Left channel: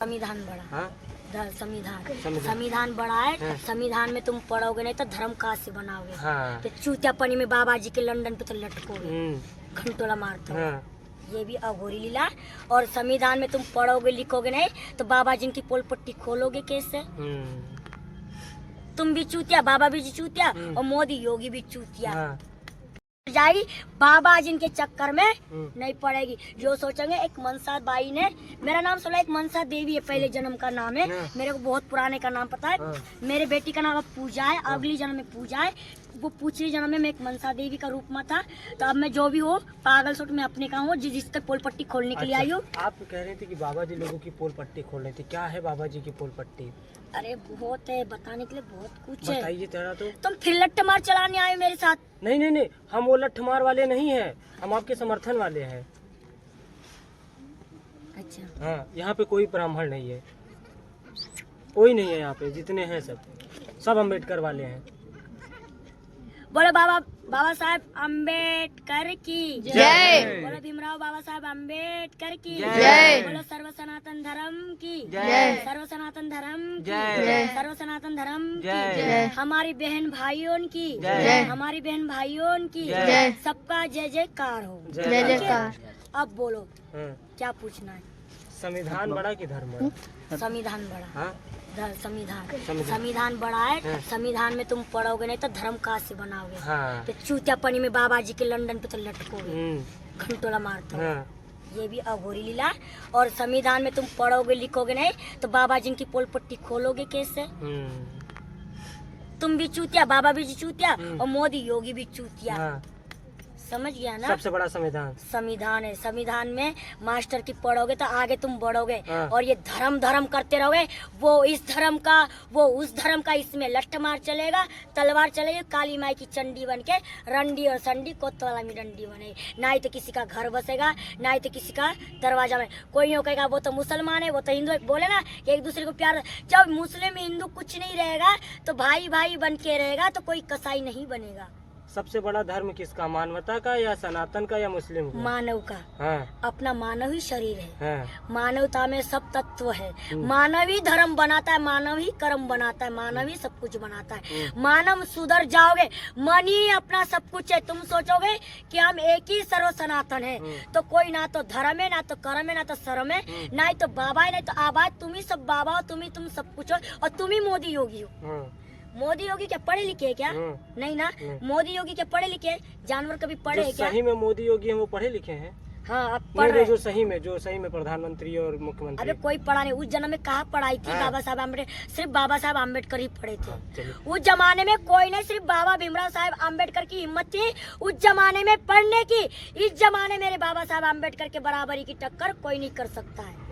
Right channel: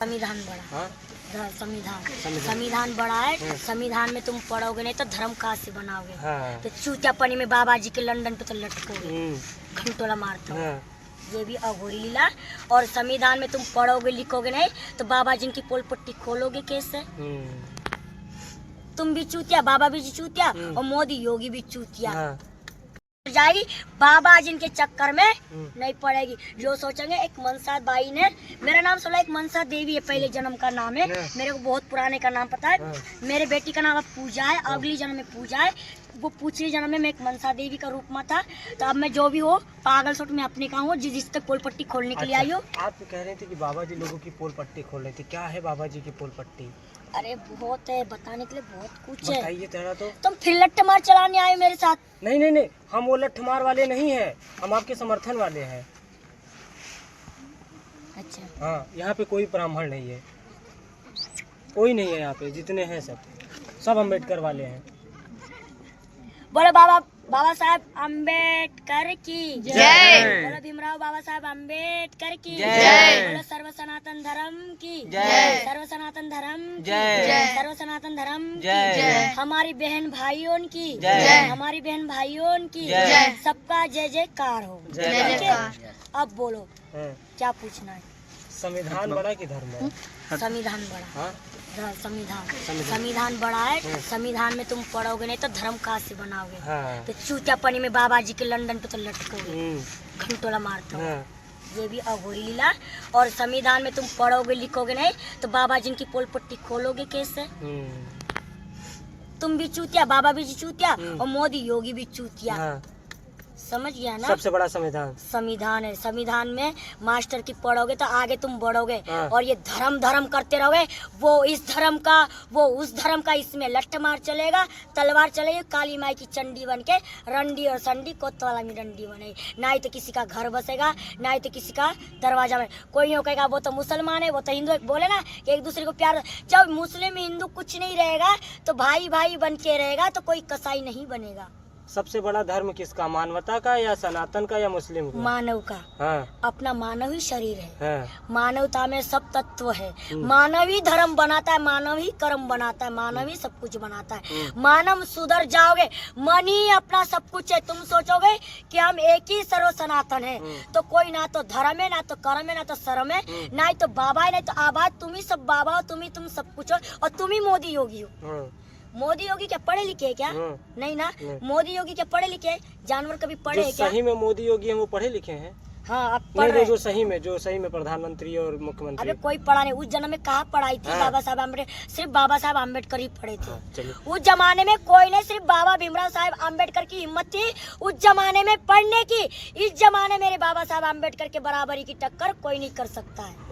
संविधान बड़ा। हाँ? संविधान बड़ा है। हाँ। संविधान में तुम पढ़ोगे नहीं तो धर्म कहाँ से बनाओगे। हाँ। तो चूतियापनी में बाबा जी के लंदन पे तो लटकोगे, घंटोला मारते हो। हाँ। ये भी अघोरी लीला। और संविधान में तुम पढ़ोगे लिखोगे नहीं तो बाबा जी की पोल पट्टी खोलोगे कैसे। तुम भी चूतिया, बाबा भी चूतिया और मोदी योगी भी चूतिया। हाँ। जाएगी बाबा जी के चक्कर में नहीं पड़ेगी। जो सोचेंगे एक मनसा बाई ने, मेरा नाम सुना, एक मनसा देवी है, पहले जन्म का नाम है, मेरे को बहुत पुराने का नाम पता है। मेरे बेटी का नाम अब पूजा है, अगली जन्म में पूजा है। वो पिछले जन्म में मैं एक मनसा देवी का रूप में था। तो अब मैं जो भी हो पागल सोट में अपने का हूँ जिस तक पोल पट्टी खोलने के लिए आई हूँ। आप कह रहे थे कि बाबा जी लोगों की पोल पट्टी खोल रहे थे, क्या है बाबा जी की पोल पट्टी? अरे बहुत है, बताने के लिए बहुत कुछ है। बताइए जरा तो। तुम फिर लट्ठ मार चलाने आए मेरे साथ। नहीं, हम वो लट्ठमार वाले नहीं हैं, हम आपके समर्थन वाले हैं। अच्छा। हाँ, यहाँ पे कोई ब्राह्मण नहीं है, कोई नहीं है यहाँ पे, जितने हैं सब अम्बेडकर वाले हैं। बोलो बाबा साहब अम्बेडकर की जय। बोलो भीमराव बाबा साहब अम्बेडकर की जय। बोलो सर्व सनातन धर्म की जय। सर्व सनातन धर्म जय। सर्व सनातन धर्म जय। हमारी बहन भाइयों की जय। हमारी बहन भाइयों की जय। सबका जय जयकार हो। जय जयकार। अब बोलो क्या पूछना है। संविधान बड़ा कि धर्म बड़ा? संविधान बड़ा। हाँ? संविधान बड़ा है। संविधान में तुम पढ़ोगे नहीं तो धर्म कहाँ से बनाओगे। हाँ। तो चूतियापनी में बाबा जी के लंदन पे तो लटकोगे, घंटोला मारते हो। हाँ। ये भी अघोरी लीला। और संविधान में तुम पढ़ोगे लिखोगे नहीं तो बाबा जी की पोल पट्टी खोलोगे कैसे। तुम भी चूतिया, बाबा भी चूतिया और मोदी योगी भी चूतिया। हाँ। समझ गया ना। सबसे बड़ा संविधान है। संविधान में मास्टर की पढ़ोगे तो आगे तुम बढ़ोगे। हाँ। और ये धर्म करते रहोगे, वो इस धर्म का वो उस धर्म का, इसमें लट्ठ मार चलेगा, तलवार चलेगी, काली माई की चंडी बन के रंडी और संडी कोतवाला में डंडी बनेगी। ना ही तो किसी का घर बसेगा, ना ही तो किसी का दरवाजा में। कोई यूँ कहेगा वो तो मुसलमान है, वो तो हिंदू है। बोले ना एक दूसरे को प्यार। जब मुस्लिम हिंदू कुछ नहीं रहेगा तो भाई भाई बन के रहेगा, तो कोई कसाई नहीं बनेगा। सबसे बड़ा धर्म किसका, मानवता का या सनातन का या मुस्लिम का? मानव का। हाँ। अपना मानव ही शरीर है। हाँ। मानवता में सब तत्व है। मानव ही धर्म बनाता है, मानव ही कर्म बनाता है, मानव ही सब कुछ बनाता है। मानव सुधर जाओगे, मन ही अपना सब कुछ है। तुम सोचोगे कि हम एक ही सर्व सनातन है तो कोई ना तो धर्म है, ना तो कर्म है, ना तो शर्म है, ना ही तो बाबा है, ना तो आबाद। तुम ही सब बाबा हो, तुम सब कुछ हो, और तुम ही मोदी योगी हो। मोदी योगी क्या पढ़े लिखे है क्या? नहीं ना। मोदी योगी क्या पढ़े लिखे? जानवर कभी पढ़े है क्या? सही में मोदी योगी हैं वो पढ़े लिखे हैं। हाँ, अब पढ़ रहे। जो सही में प्रधानमंत्री और मुख्यमंत्री। अरे कोई पढ़ा नहीं। उस जन्म में कहाँ पढ़ाई थी? बाबा साहब अम्बेडकर, सिर्फ बाबा साहब अम्बेडकर ही पढ़े थे। उस जमाने में कोई नहीं, सिर्फ बाबा भीमराव साहब अम्बेडकर की हिम्मत थी उस जमाने में पढ़ने की। इस जमाने मेरे बाबा साहब अम्बेडकर के बराबरी की टक्कर कोई नहीं कर सकता है।